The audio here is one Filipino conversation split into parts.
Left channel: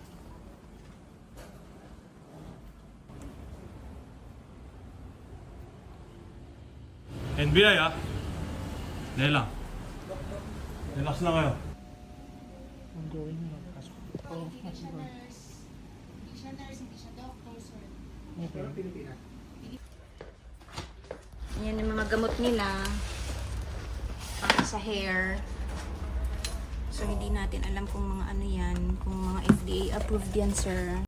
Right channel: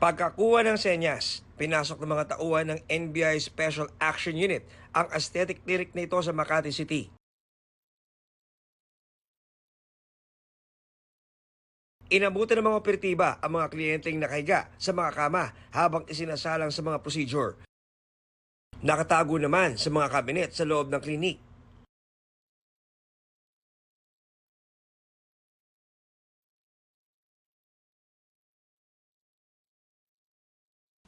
Pagkakuha ng senyas, pinasok ng mga tauhan ng NBI Special Action Unit ang aesthetic clinic na ito sa Makati City. NBI Dahil lang. Relax lang kayo. Inabutan ng mga operatiba ang mga kliyenteng nakahiga sa mga kama habang isinasalang sa mga procedure. Nakatago naman sa mga kabinet sa loob ng klinik. Yan yung mga gamot nila para sa hair. So hindi natin alam kung mga ano yan, kung mga FDA approved yan, sir.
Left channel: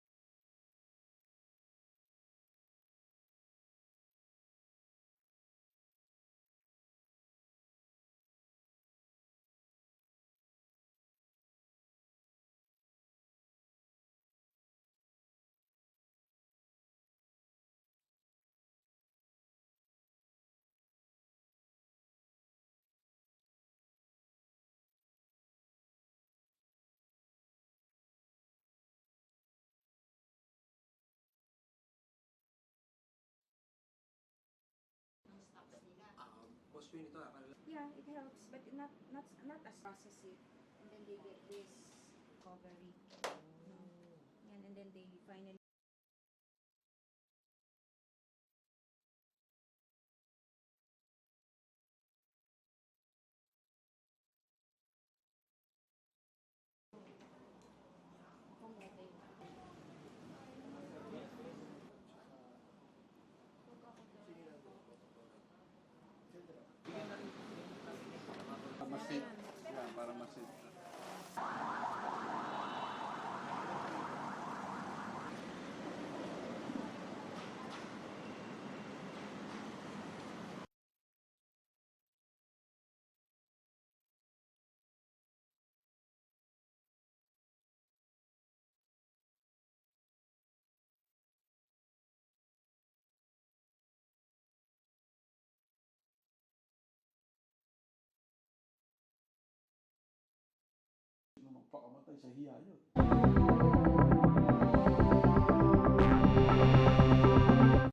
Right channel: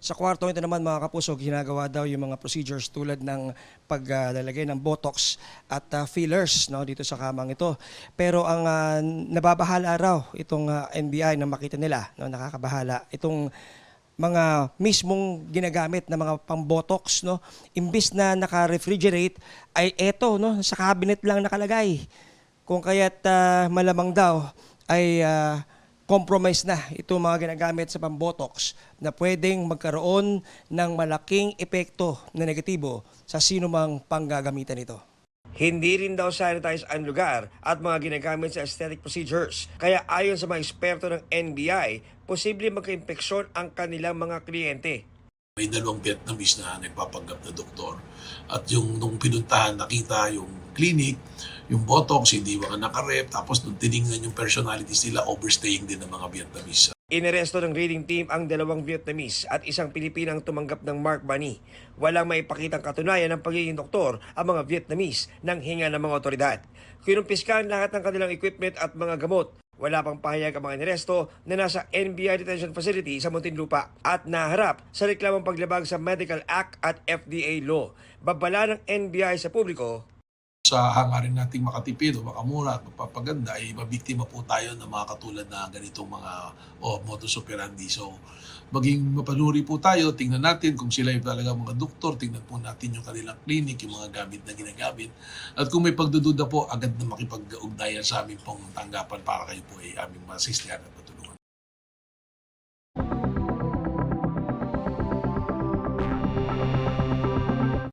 Sa kwarto ito naman mga kapuso, ginagawa daw yung mga procedures tulad ng paglalagay ng botox at fillers dito sa kamang ito. Pero ang nababahala raw itong NBI na makita nila, nakakabahala, itong mga mismong ginagamit na mga pang-botox, imbis na naka-refrigerate, ay eto, sa cabinet lang nakalagay. Kung kaya't malamang daw ay compromise na itong mga ginagamit sa pambotox na pwedeng magkaroon ng malaking epekto na negatibo sa sino mang panggagamitan nito. Hindi rin daw sanitize ang lugar at mga ginagamit sa aesthetic procedures. Kaya ayon sa mga eksperto ng NBI, posible magka-impeksyon ang kanilang mga kliyente. May dalawang Vietnamese na nagpapanggap na doktor. At yung nung pinuntahan, nakita yung clinic, yung botox, hindi mga nakarep. Tapos nung tinignan yung personalities nila, overstaying din ng mga Vietnamese. Inaresto ng raiding team ang dalawang Vietnamese at isang Pilipinang tumanggap ng Mark Money. Walang maipakitang katunayan ng pagiging doktor ang mga Vietnamese nang hinga ng mga otoridad. Kinumpiskahan lahat ng kanilang equipment at mga gamot. Wala pang pahayag ang mga inaresto na nasa NBI Detention Facility sa Muntinlupa at naharap sa reklamong paglabag sa Medical Act at FDA Law. Babala ng NBI sa publiko, Sa hangarin nating makatipid o makamura at magpapaganda ay mabiktima po tayo ng mga katulad na ganitong mga modus operandi. So maging mapanuri po tayo, tingnan natin kung sila yung talaga mga doktor, tingnan po natin yung kanilang clinic, yung mga gamit na ginagamit. At kung may pagdududa po, agad na makipag-ugnayan sa aming pong tanggapan para kayo po ay aming masislihan at